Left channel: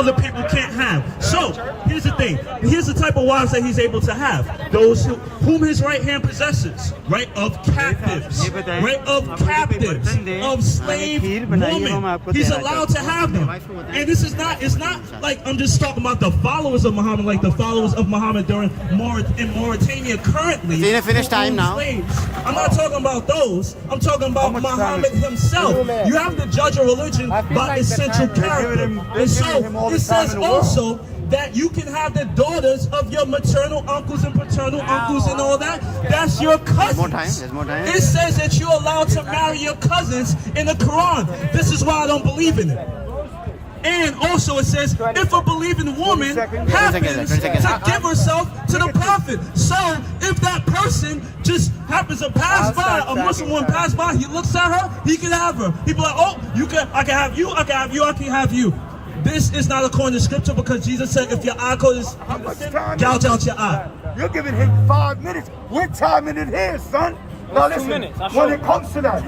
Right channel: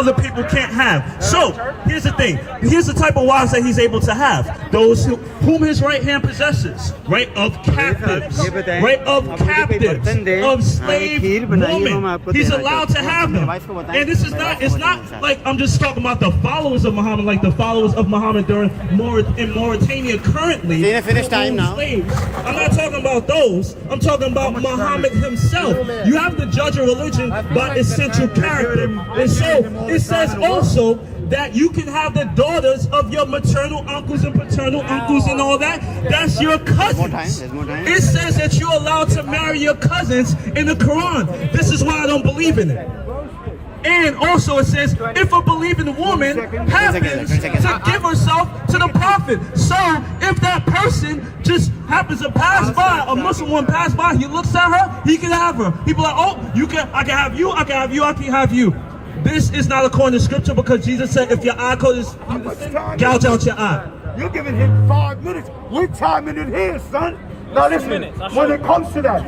other people can't have. So here's the thing. Here's the type of wives that he's able to have. Those whom his right hand possesses, right, of captives, right, of captives, of slave women. He's allowed to have them. And this is not, it's not like I'm just talking about the followers of Muhammad, like the followers of Muhammad during in Mauritania currently. Finish time now. Slaves. I'm not talking about those. I'm talking about Muhammad himself. You have to judge a religion by its central character. And so it says also that you can have the daughters of your maternal uncles and paternal uncles and all that. That's your cousins. It says that you're allowed to marry your cousins in the Quran. This is why I don't believe in it. And also it says, if a believing woman happens to give herself to the prophet. So if that person just happens to pass by, a Muslim woman pass by, he looks at her, he can have her. People are like, oh, I can have you, I can have you, I can have you. This is not according to scripture, because Jesus said, if your eye causes, gouge out your eye. You're giving him 5 minutes. We're timing it here, son. Now listen, when it comes to that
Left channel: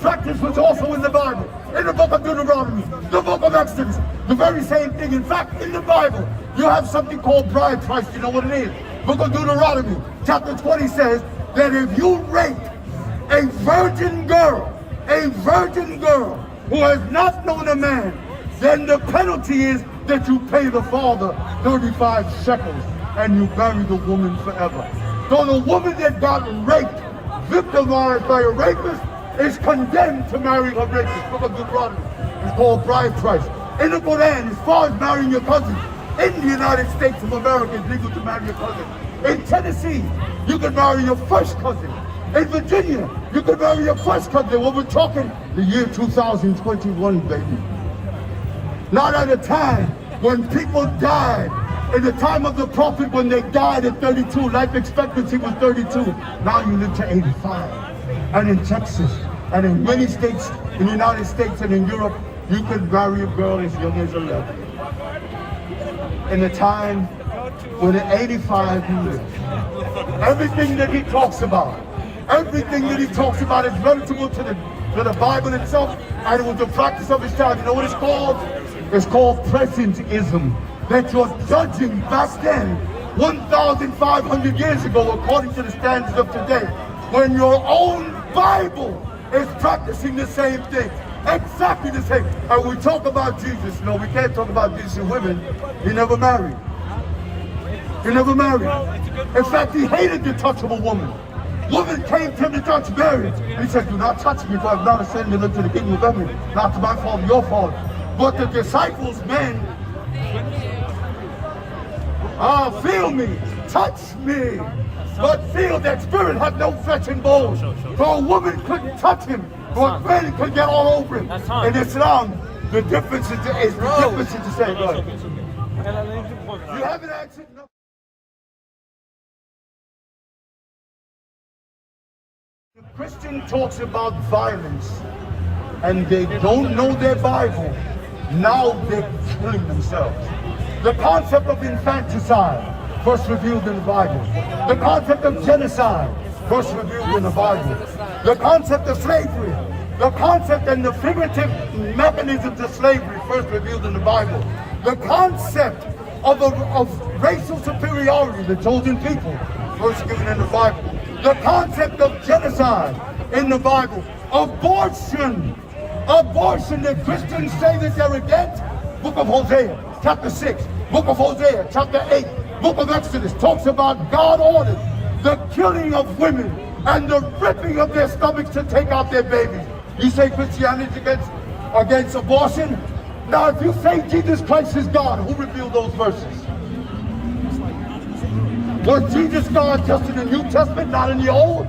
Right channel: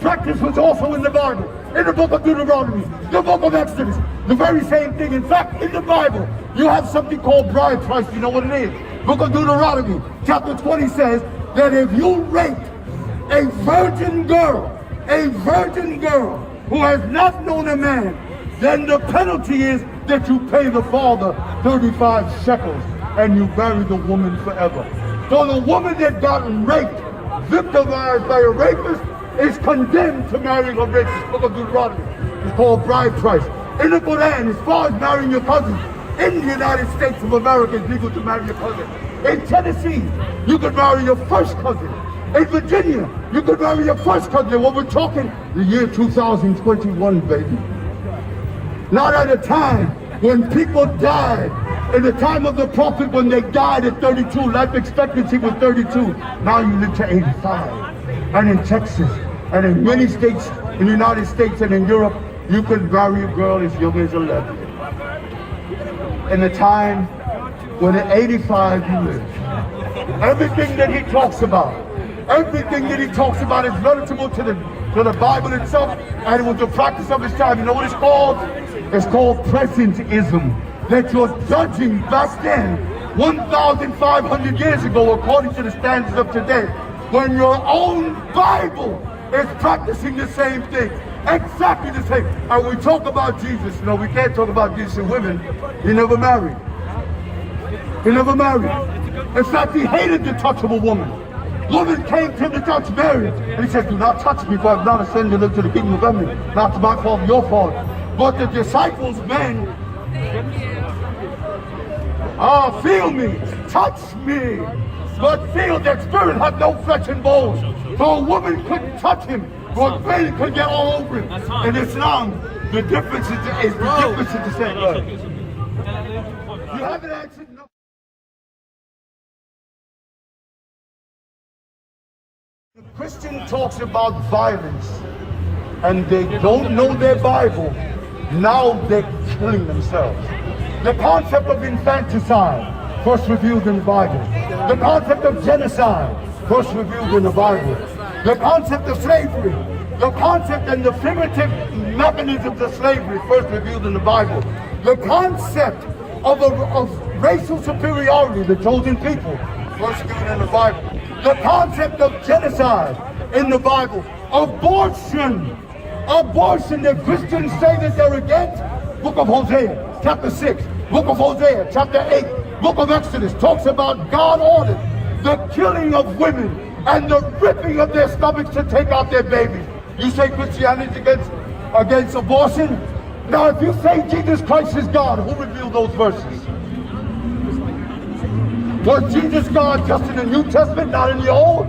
practice was also in the Bible. In the book of Deuteronomy, the book of Exodus, the very same thing. In fact, in the Bible, you have something called bride price. You know what it is? Book of Deuteronomy, chapter 20 says that if you rape a virgin girl who has not known a man, then the penalty is that you pay the father 35 shekels and you bury the woman forever. So the woman that got raped, victimized by a rapist, is condemned to marry her rapist. Book of Deuteronomy. It's called bride price. In the Quran, as far as marrying your cousin, in the United States of America, it's legal to marry your cousin. In Tennessee, you can marry your first cousin. In Virginia, you can marry your first cousin. When we're talking the year 2021, baby. Not at a time when people died. In the time of the prophet, when they died at 32, life expectancy was 32. Now you live to 85. And in Texas, and in many states, in the United States and in Europe, you could marry a girl as young as 11. In a time when at 85 you live. Everything that he talks about is relatable to the Bible itself, and it was the practice of his time. You know what it's called? It's called presentism. That you're judging back then, 1,500 years ago, according to the standards of today, when your own Bible is practicing the same thing, exactly the same. And we talk about Jesus, you know, we can't talk about Jesus and women. He never married. He never married. In fact, he hated the touch of a woman. Woman came to him to touch Mary. And he said, do not touch me, for I'm not ashamed to live to the kingdom of heaven. Not to my fault, your fault. But the disciples, men, feel me, touch me. But feel that spirit had no flesh and bones. So a woman couldn't touch him, but men could get all over him. In Islam, the difference is the same. You haven't answered no. The Christian talks about violence, and they don't know their Bible. Now they're killing themselves. The concept of infanticide, first revealed in the Bible. The concept of genocide, first revealed in the Bible. The concept of slavery, the concept and the primitive mechanisms of slavery, first revealed in the Bible. The concept of racial superiority, the chosen people, first given in the Bible. The concept of genocide in the Bible. Abortion, the Christians say that they're against. Book of Hosea, chapter 6. Book of Hosea, chapter 8. Book of Exodus talks about God ordered the killing of women and the ripping of their stomachs to take out their babies. You say Christianity is against abortion? Now if you say Jesus Christ is God, who revealed those verses? Was Jesus God just in the New Testament, not in the Old?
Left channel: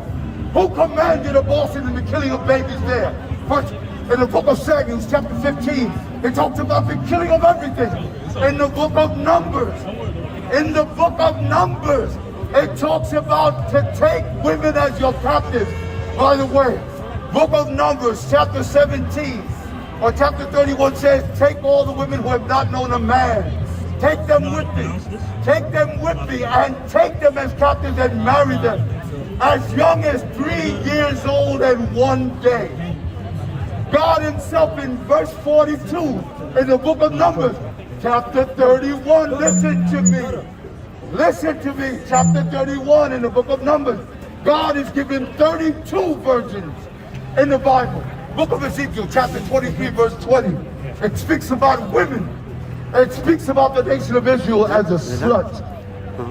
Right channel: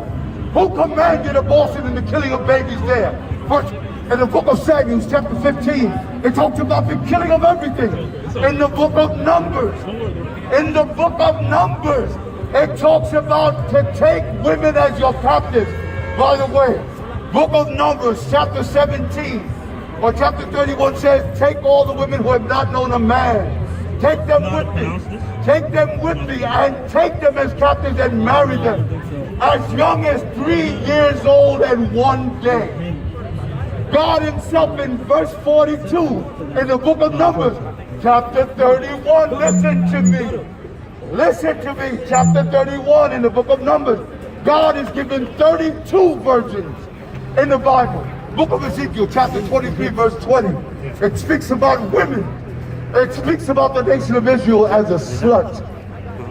Who commanded abortion and the killing of babies there? First, in the book of Samuel, chapter 15, it talks about the killing of everything. In the book of Numbers, it talks about to take women as your captives. By the way, book of Numbers, chapter 17, or chapter 31 says, take all the women who have not known a man. Take them with me. Take them with me and take them as captives and marry them as young as 3 years old and 1 day. God himself in verse 42 in the book of Numbers, chapter 31, listen to me. Listen to me, chapter 31 in the book of Numbers. God is given 32 virgins in the Bible. Book of Ezekiel, chapter 23, verse 20. It speaks about women. It speaks about the nation of Israel as a slut.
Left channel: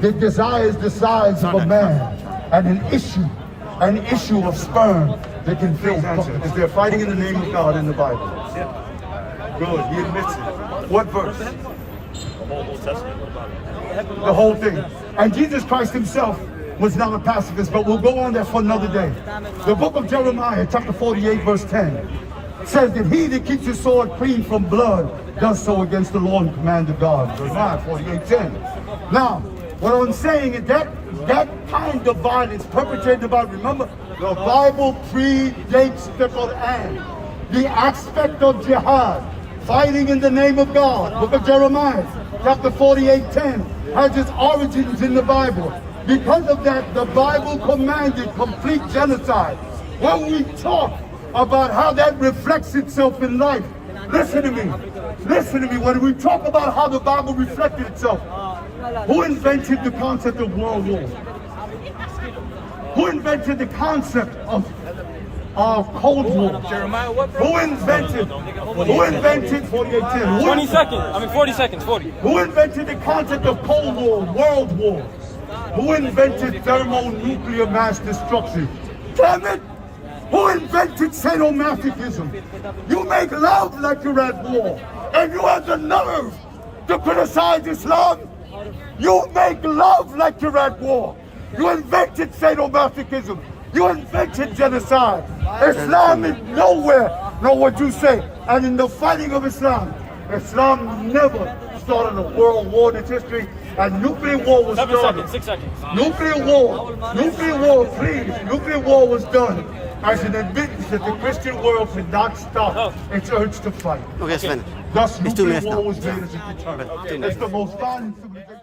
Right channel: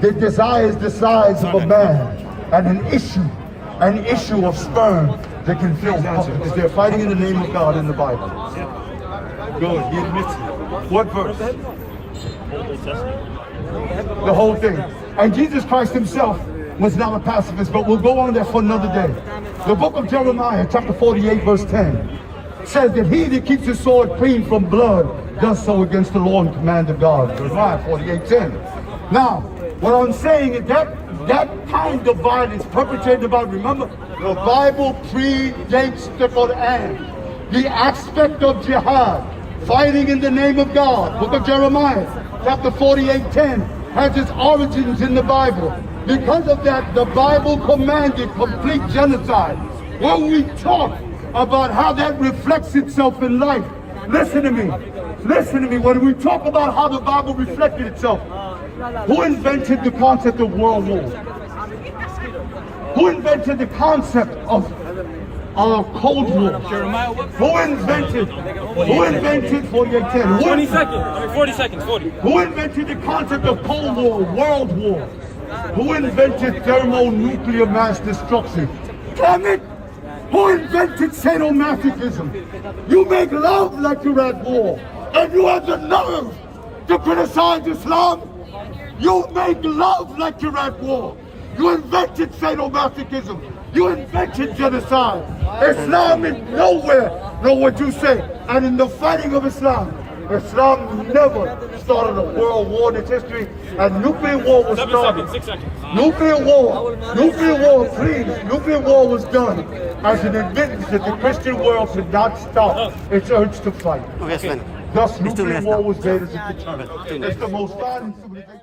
It desires the size of a man and an issue of sperm that can fill heaven, because they're fighting in the name of God in the Bible. Good, he admits it. What verse? The whole thing. And Jesus Christ himself was not a pacifist, but we'll go on there for another day. The book of Jeremiah, chapter 48, verse 10, says that he that keeps his sword clean from blood does so against the law and command of God. Jeremiah 48:10. Now, what I'm saying is that kind of violence perpetrated by, remember, the Bible predates the Quran. The aspect of jihad, fighting in the name of God, book of Jeremiah, chapter 48:10, has its origins in the Bible. Because of that, the Bible commanded complete genocide. When we talk about how that reflects itself in life, listen to me. Listen to me. When we talk about how the Bible reflected itself, who invented the concept of world war? Who invented the concept of Cold War? Who invented 4810? 20 seconds. 40 seconds. 40. Who invented the concept of Cold War, World War? Who invented thermonuclear mass destruction? Damn it! Who invented sadomasochism? You make love like you're at war, and you have the nerve to criticize Islam. You make love like you're at war. You invented sadomasochism. You invented genocide. Islam is nowhere, know what you say. And in the fighting of Islam, Islam never started a world war in its history, and nuclear war was started. 6 seconds. Nuclear war, nuclear war was done as an admittance that the Christian world should not stop its urge to fight. Okay, Sven. Thus, It's 2 nuclear minutes war now. was made as a deterrent. 2 minutes. It's the most violent civilization.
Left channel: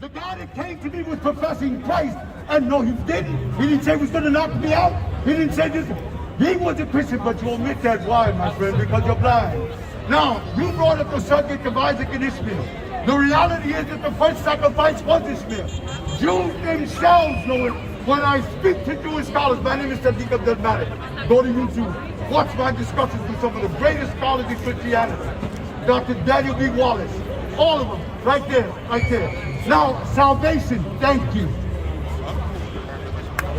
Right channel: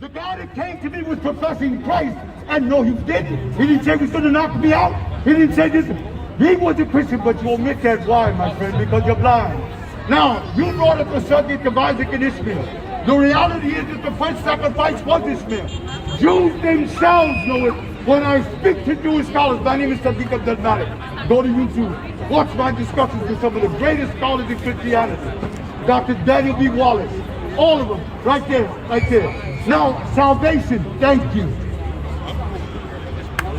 The guy that came to me was professing Christ, and no, he didn't. He didn't say he was going to knock me out. He didn't say this. He was a Christian, but you omit that why, my friend, because you're blind. Now, you brought up the subject of Isaac and Ishmael. The reality is that the first sacrifice was Ishmael. Jews themselves know it. When I speak to Jewish scholars, my name is Sadiq Abdelmatic. Go to YouTube. Watch my discussions with some of the greatest scholars in Christianity. Dr. Daniel B. Wallace. All of them, right there, right there. Now, salvation, thank you.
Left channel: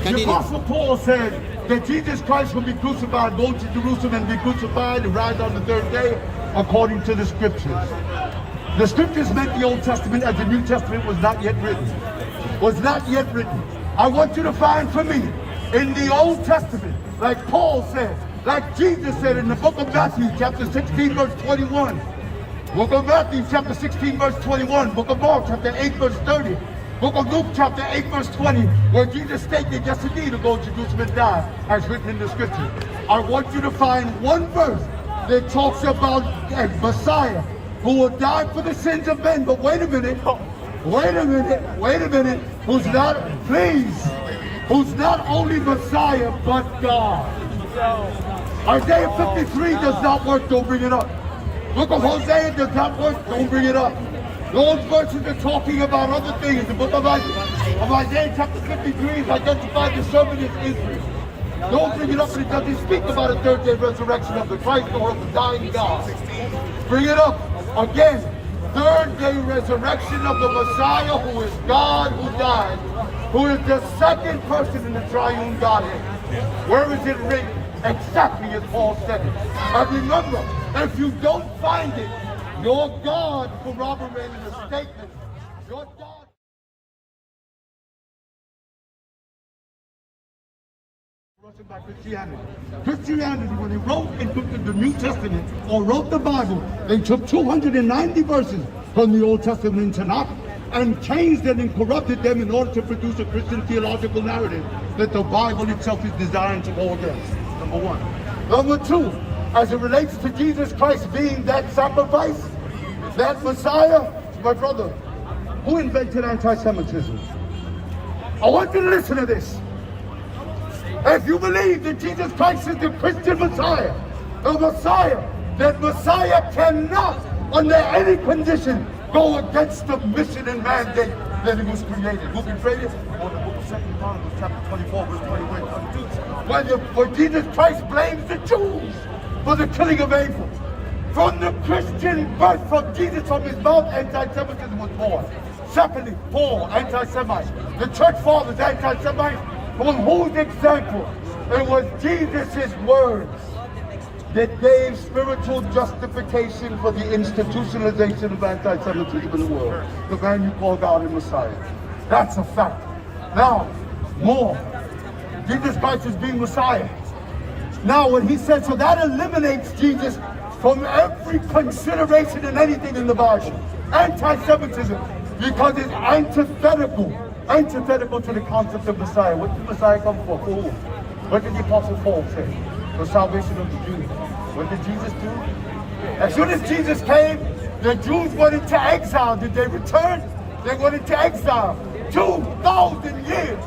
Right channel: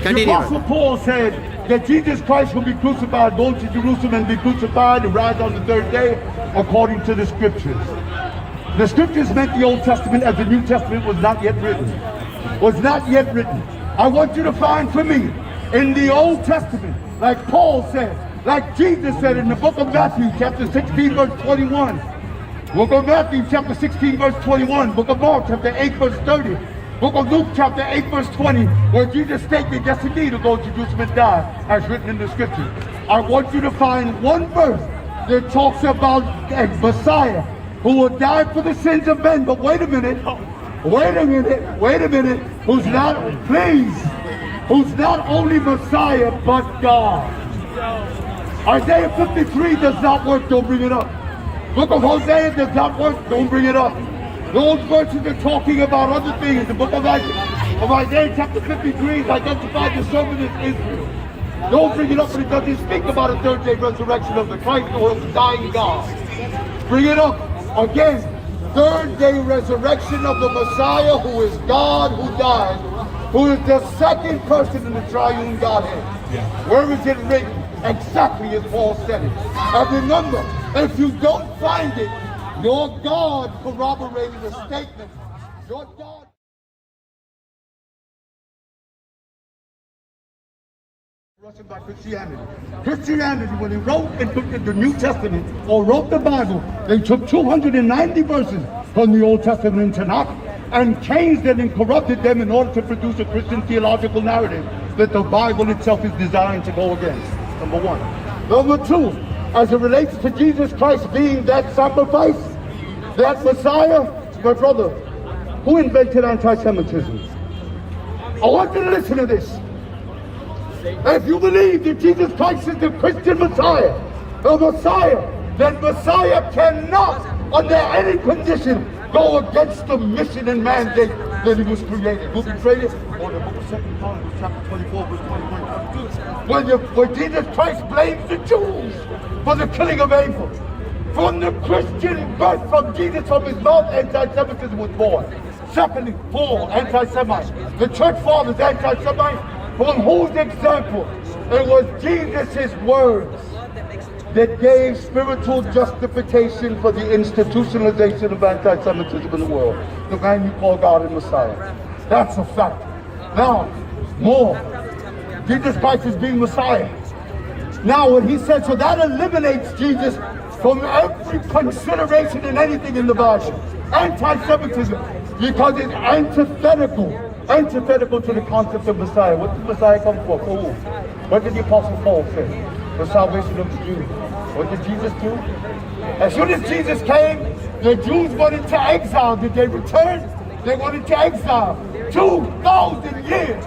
Continue. The Apostle Paul said that Jesus Christ will be crucified, go to Jerusalem and be crucified and rise on the third day, according to the scriptures. The scriptures meant the Old Testament as the New Testament was not yet written. Was not yet written. I want you to find for me, in the Old Testament, like Paul said, like Jesus said in the book of Matthew, chapter 16, verse 21, book of Matthew, chapter 16, verse 21, book of Mark, chapter 8, verse 30, book of Luke, chapter 8, verse 20, where Jesus stated, yes, indeed, to go to Jerusalem and die, as written in the scripture. I want you to find one verse that talks about a Messiah who will die for the sins of men. But wait a minute, who's not, please, who's not only Messiah, but God. Isaiah 53 does not work, don't bring it up. Book of Hosea does not work, don't bring it up. Those verses are talking about other things. The book of Isaiah chapter 53 identifies the servant as Israel. Don't bring it up, but it doesn't speak about a third day resurrection of the Christ or of the dying God. Bring it up again. Third day resurrection of the Messiah, who is God who died, who is the second person in the triune Godhead. Where is it written? Exactly as Paul said it. And remember, if you don't find it, your God corroborated the statement. Your God. By Christianity. Christianity, when they wrote and took the New Testament or wrote the Bible, they took 290 verses from the Old Testament and Tanakh and changed them and corrupted them in order to produce a Christian theological narrative that the Bible itself is designed to go against. Number one. Number two, as it relates to Jesus Christ being that sacrifice, that Messiah, my brother, who invented anti-Semitism? I want you to listen to this. If you believe that Jesus Christ is the Christian Messiah, then Messiah cannot, under any condition, go against the mission and mandate that he was created. Who betrayed it? Chapter 24, verse 21. When Jesus Christ blames the Jews for the killing of Abel. From the Christian birth from Jesus, from his mouth, anti-Semitism was born. Secondly, Paul, anti-Semite. The church fathers, anti-Semite, from whose example it was Jesus' words that gave spiritual justification for the institutionalization of anti-Semitism in the world. The man you call God and Messiah. That's a fact. Now, more. Jesus Christ is being Messiah. Now, when he said, so that eliminates Jesus from every consideration in anything in the Bible. Anti-Semitism, because it's antithetical to the concept of Messiah. What did Messiah come for? For who? What did the Apostle Paul say? The salvation of the Jews. What did Jesus do? As soon as Jesus came, the Jews went into exile. Did they return? They went into exile. 2,000 years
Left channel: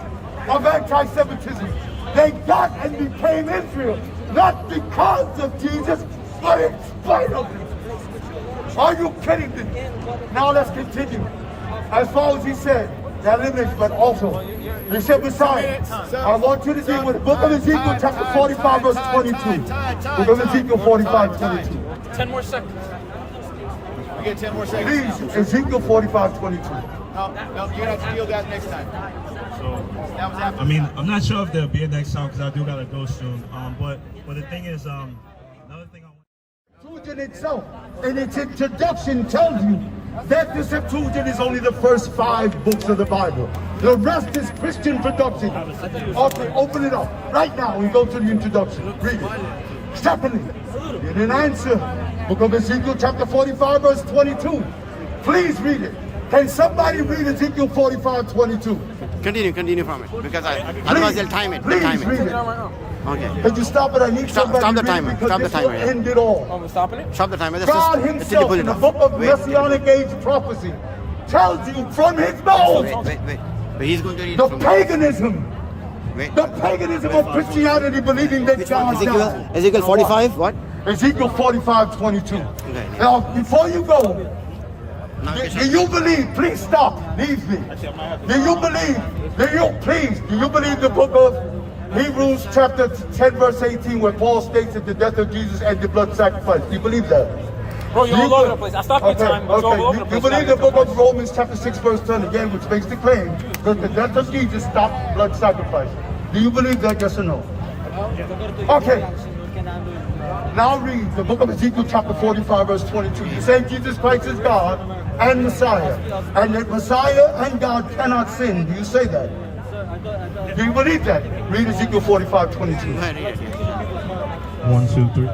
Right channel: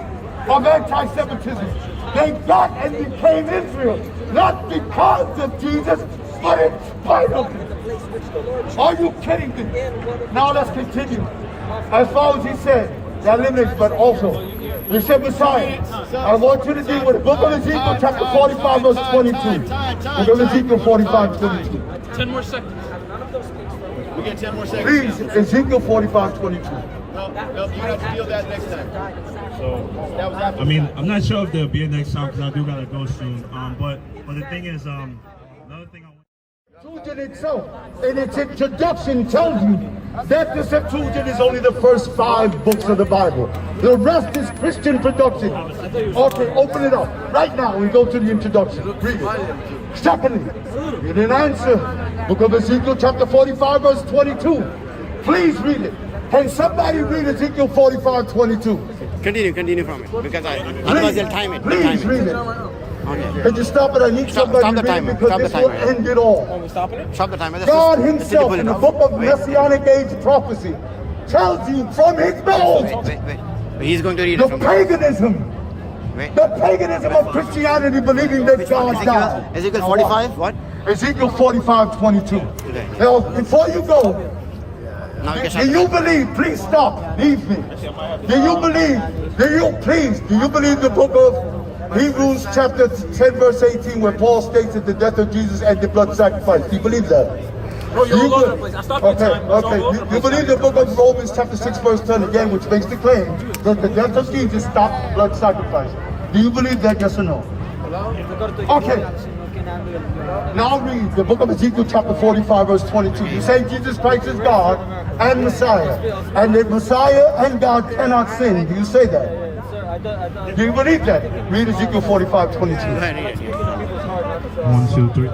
of anti-Semitism. They got and became Israel, not because of Jesus, but in spite of him. Are you kidding me? Now let's continue. As far as he said, that limits, but also, he said, Messiah, I want you to deal with the book of Ezekiel, chapter 45, verse 22. Book of Ezekiel 45, 22. 10 more seconds. We get 10 more seconds. Please, Ezekiel 45, 22. No, you have to deal with that next time. So, that was happening. I mean, I'm not sure if there'll be a next time because I do gotta go soon. But the thing is, another thing I want. Septuagint itself, in its introduction, tells you that the Septuagint is only the first 5 books of the Bible. The rest is Christian production. Okay, open it up. Right now, we go to the introduction. Read it. Secondly, you didn't answer. Book of Ezekiel, chapter 45, verse 22. Please read it. Can somebody read Ezekiel 45, 22? Continue from it, because otherwise they'll time it. Please read it. Okay. Could you stop it? I need somebody stop the to read timer. it because Stop the this will timer. end it all. Stop the timer. God himself, pull in it the off. book of Messianic Age prophecy, tells you from his mouth Wait. But he's going to read the it from paganism of Christianity, believing that God died. Ezekiel 45, what? Ezekiel 45, 22. Okay. Now, before you go, Now you do you believe, please stop, leave me. Do you believe the book of Hebrews chapter 10 verse 18 where Paul states that the death of Jesus and the blood sacrifice? Do you believe that? Bro, you're all over the place. I stopped your time. You believe the book of Romans chapter 6 verse 10 again, which makes the claim that the death of Jesus stopped blood sacrifice. Do you believe that, yes or no? Okay. Now read the book of Ezekiel chapter 45 verse 22. You say Jesus Christ is God and Messiah, and that Messiah and God cannot sin. Do you say that? Do you believe that? Read Ezekiel 45, 22. 1, 2, 3.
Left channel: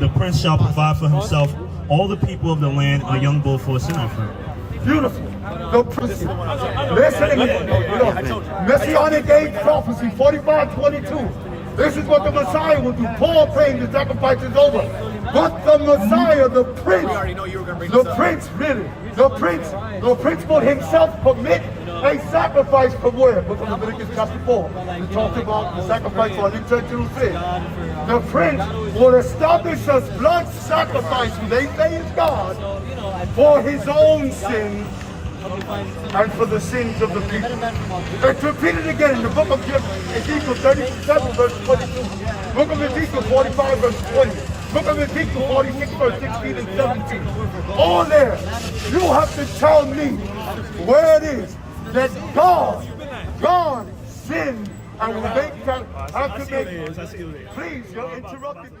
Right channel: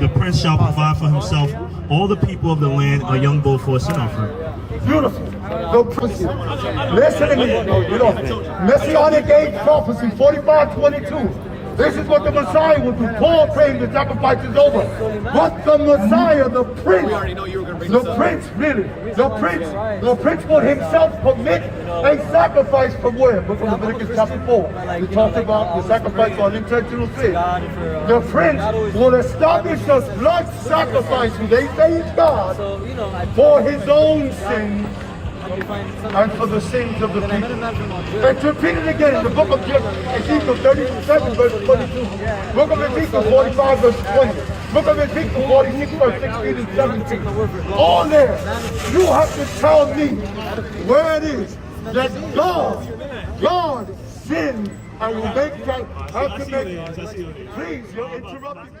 The prince shall provide for himself all the people of the land a young bull for a sin offering. Beautiful. No prophecy. Listen to me. Messianic age prophecy 45, 22. This is what the Messiah will do. Paul praying the sacrifice is over. But the Messiah, the prince will himself commit a sacrifice from where? From Leviticus chapter 4. We talked about the sacrifice for unintentional sin. The prince will establish a blood sacrifice with a faith God for his own sins and for the sins of the people. It's repeated again in the book of Ezekiel 37 verse 22. Book of Ezekiel 45 verse 20. Book of Ezekiel 46 verse 16 and 17. All there. You have to tell me where it is that God sinned and will have to make. Please, you're interrupting me.